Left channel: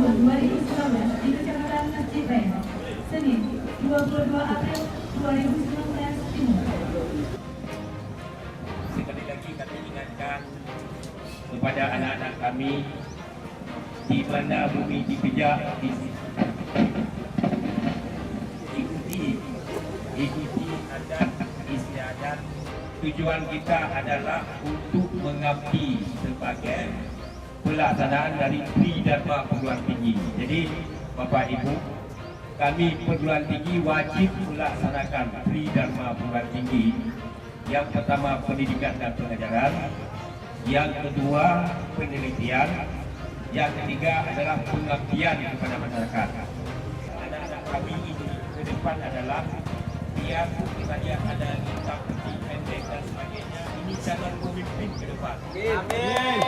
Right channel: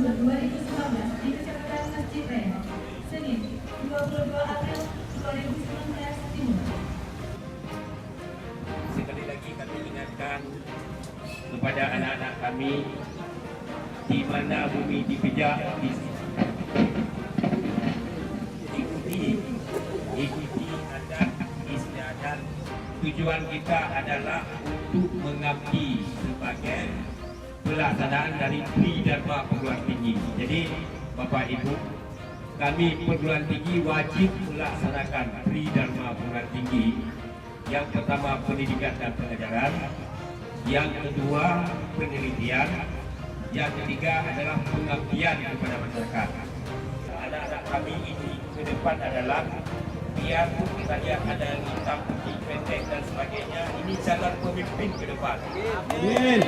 tahun 2019 di Kecamatan Masjid Raya, Senin 22 April 2019 Timur. Sekali lagi kami ingatkan kepada anak-anak kami di mana bumi dipijak, ikuti adat istiadat. Tujuan kita adalah untuk mengabdi sebagai pelaksanaan dari Tri Dharma Perguruan Tinggi. Jadi Bapak Ibu, kami perguruan tinggi wajib melaksanakan Tri Dharma Perguruan Tinggi. Yang pertama pendidikan dan pengajaran, yang kedua penelitian, yang ketiga adalah pengabdian kepada masyarakat. Anak-anak kami ini ke depan adalah biarpun kita lihat ada hitam putih pendek dan sebagainya, ini calon pemimpin ke depan. Amin.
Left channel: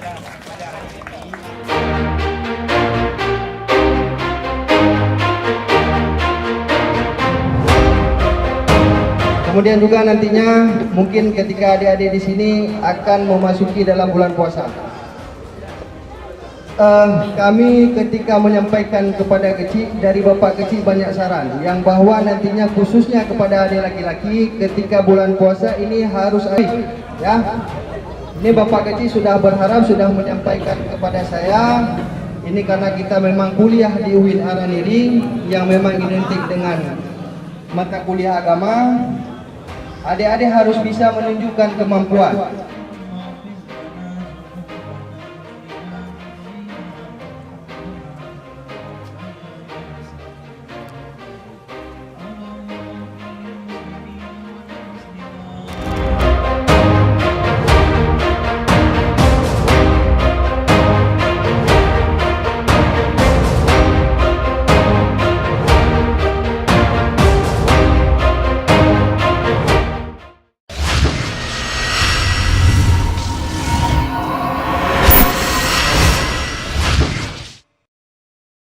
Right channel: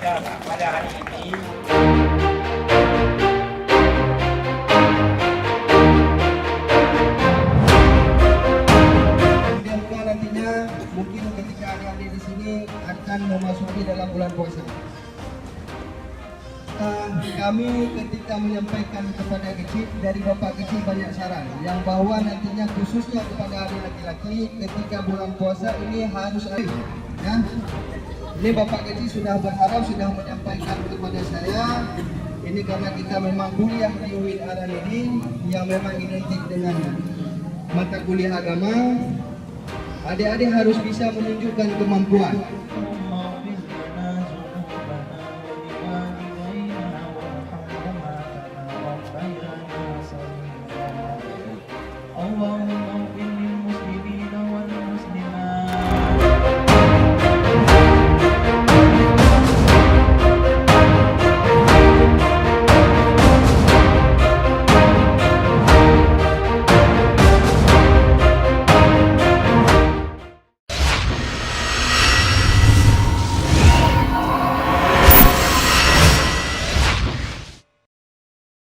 Pada hari ini kemudian juga nantinya mungkin ketika adik-adik di sini akan memasuki dalam bulan puasa. Kami ketika menyampaikan kepada kecil dari Bapak kecil banyak saran yang bahwa nantinya khususnya kepada adik laki-laki ketika bulan puasa ini harus ya. Ini Bapak kecil sudah berharap sudah menyampaikan kepada saya ini karena kita memang kuliah di UIN Araniri yang memang identik dengan mata kuliah agama. Adik-adik harus bisa menunjukkan kemampuan